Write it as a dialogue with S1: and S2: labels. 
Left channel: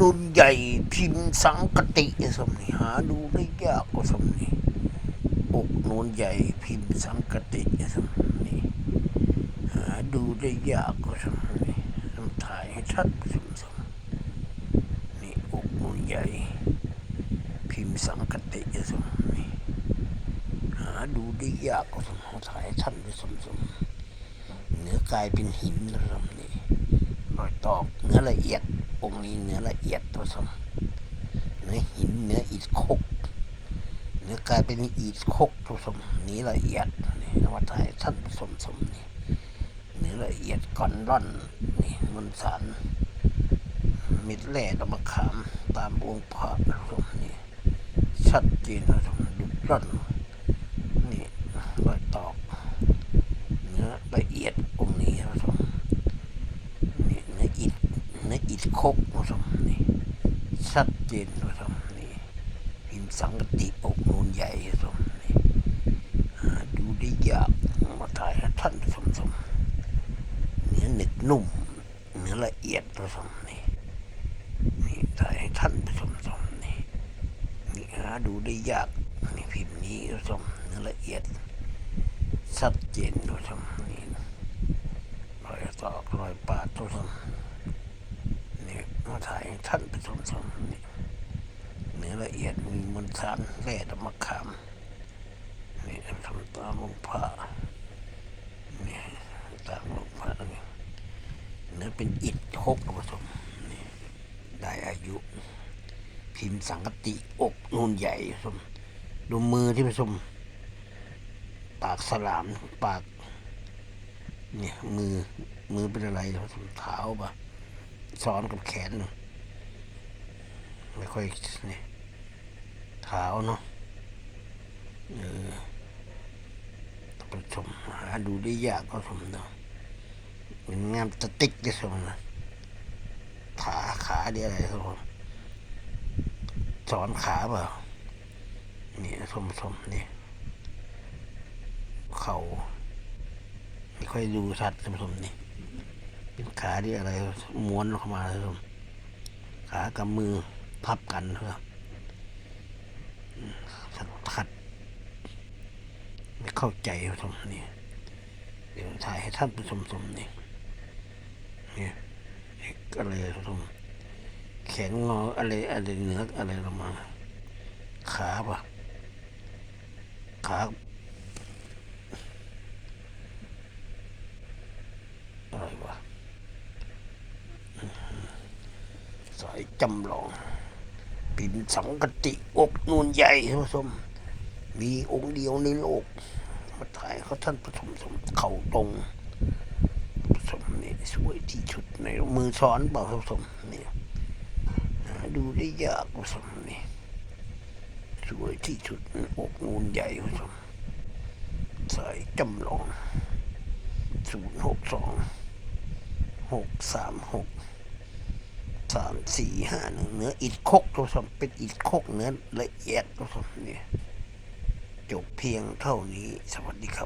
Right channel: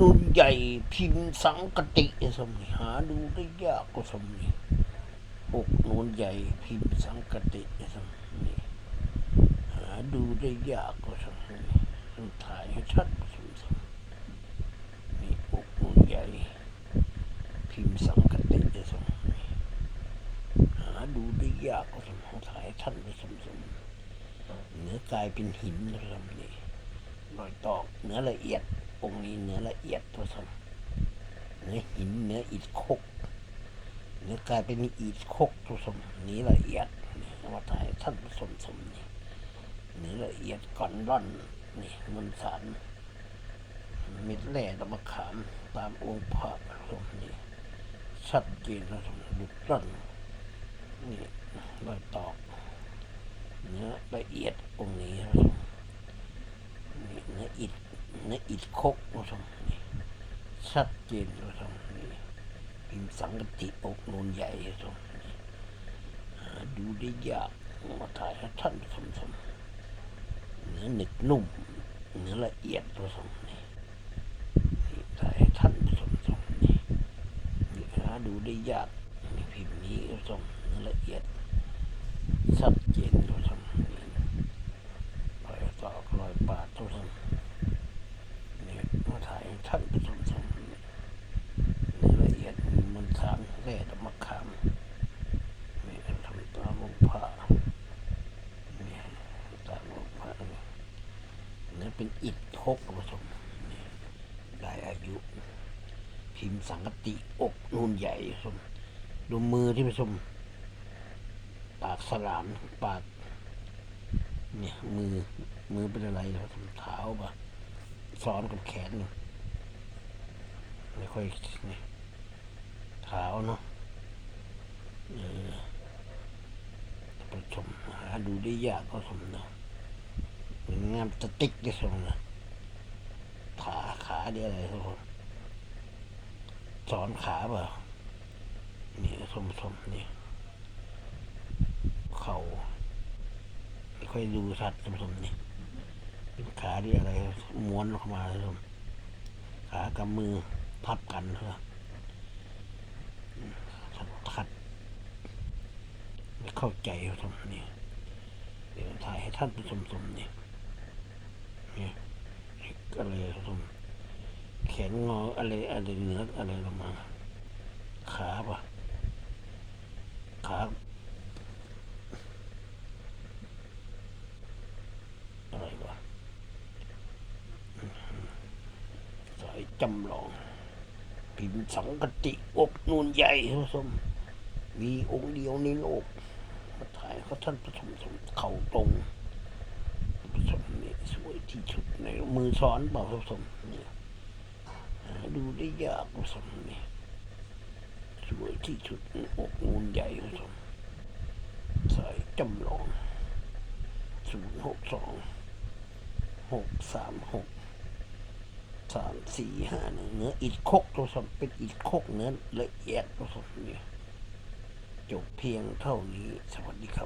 S1: นุนใหญ่พิมพ์สังกติสมนี่หาดูได้ยากกว่าสมนี่อกนูนใหญ่พิมพ์สังกติสมนี่หาดูได้ยากกว่าสมนี่ต้องถ่ายให้ชัดสมสมนี่อกนูนใหญ่ พิมพ์สังกติสมนี่หาดูได้ยากกว่าสมถ่ายให้ชัดสมสมเนื้อกายเป็นหินสมนี่รอยตอกเนื้อละเอียด องค์นี้เนื้อละเอียดผสมเนื้อหินเนื้ออิฐคกเนื้อกลายเป็นอิฐคกผสมนี้ละเอียดนี่นวัตายท่านผสมสมนี่เนื้อละเอียดก่อนร่อนนี่มนสารม็ดแร่ดอกมะขามตามองค์พระผสมนี่ชัดเจนผสมดุดร่อนนี่รอยตอกเนื้อละเอียดองค์นี้ผสม นี่เนื้ออิฐเนื้ออิฐค กผสมนี่ชัดเจนผสมนี่พิมพ์สังกติอกนูนใหญ่ผสมนี่ดูได้ยากมาถ่ายให้ท่านผสมสมเนื้อหนึบนุ่มเนื้อละเอียดผสมนี่นี่ถ่ายให้ท่านผสมสมนี่นี่หาดูได้ยากนี่พิมพ์นี้ผสมเนื้อละเอียดชัดเจนผสมนี่รอยตอกรอยปาดทุกท่านนี่ มาถ่ายท่านไปชมชมเนื้อละเอียดมีมนต์สารแร่ดอกมะขามนี่ทำตามลงผ้านี่ตามลงผ้านี่เนื้อเป็นอิฐคกผสมนี่ได้อายุ พิมพ์สังกติอกนูนใหญ่ผสมดูมือที่ผสมปากสลามปากเนี่ยมือมือเป็นอะไรเหรอเท้าปะ ซ้อนกับแขนเนอะไม่ค่อยเนี่ยเท้าเนาะเออต้องไปชมหาดูได้ยากก็ชมเนาะเป็นงามสติ๊กได้ชมนะขาขาเดียอะไรครับผมสอนขาเปล่านี่ชมชมนี่เข่าไม่ค่อยดูชัดท่านผู้ชมนี่ ขาที่อะไรม้วนเข้ามาท่านผู้ชมขากับมือพับกันครับชัดชัด ไม่เข้าใจท่านผู้ชมนี่เดี๋ยวถ่ายให้ท่านผู้ชมชมนี่นี่อะไรท่านผู้ชมแขนงออะไรอะไรเหนืออะไรลงมาขาปะขา อะไรวะสาย จำลอง พิมพ์สังกติอกนูนใหญ่ท่านผู้ชมมีองค์เดียวในโลกมาถ่ายเขาท่านผสมสมเข่าตรงผสมนี่สวยที่สุดในมือซ้อนเปล่าผสมนี่ดูได้ยากผสมนี่สวยที่สุดอกนูนใหญ่ผสมสายจำลองศูนย์หกสองหกสามหก สามสี่ห้าหนึ่งเนื้ออิดคกตัวสมเป็นอิดคกเนื้อละเอียดตัวสมเนี่ยจบเพียงเท่านี้สวัสดีครับ